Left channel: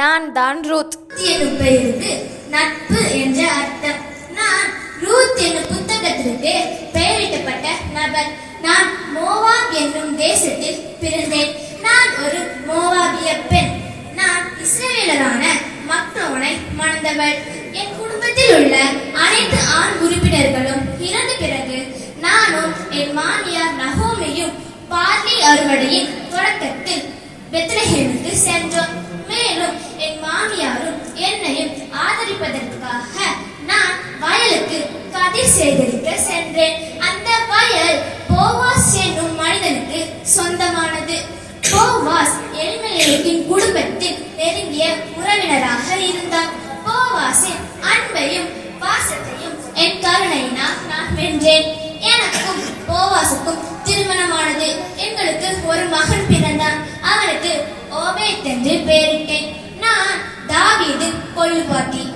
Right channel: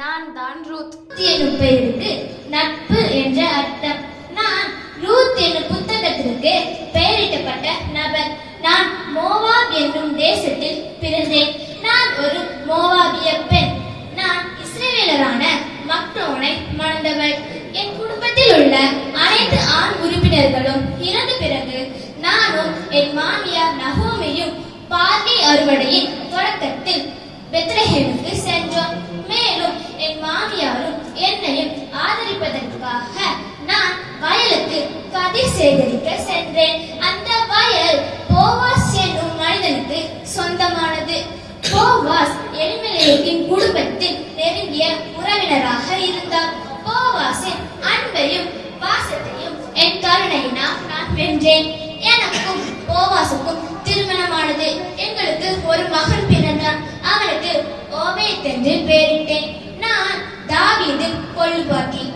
நான் தான் ரூத். எனும் பெயருக்கு நட்பு என்ற அர்த்தம். நான் ரூத் என்னும் புத்தகத்திற்கு பெயரிட்டப்பட்ட நபர். நான் மோவாப் என்னும் தேசத்தில் பிறந்தேன். நான் ஒரு மோவாபிய பெண். நான் இஸ்ரேலரான மக்னோனை மணந்தவள். என் குடும்பத்தில் உள்ள அனைத்து ஆண் உறுப்பினர்களும் இறந்த பிறகு நானும் என் மாமியார் நகோமியும் பார்வை அறுவடையின் எழுந்து சென்றோம் மேலும் என் மாமியாரும் என்னையும் ஆதரிப்பதற்காக நான் வயலுக்கு கதிர் சேகரிக்க சென்றேன் அந்த வயல் போவாஸ் என்னும் மனிதனுக்கு சொந்தமானது போவாஸ் எலிமெலேக்கின் குடும்பத்தில் நெருங்கிய உறவினராக இருந்தார். போவாஸின் அன்பையும் பாசத்தையும் என் கருணையினால் நான் வென்றேன். எனக்கும் போவாசுக்கும் என்று பெயரிட்டேன். நான் தாவீது கொள்ளுபாத்தி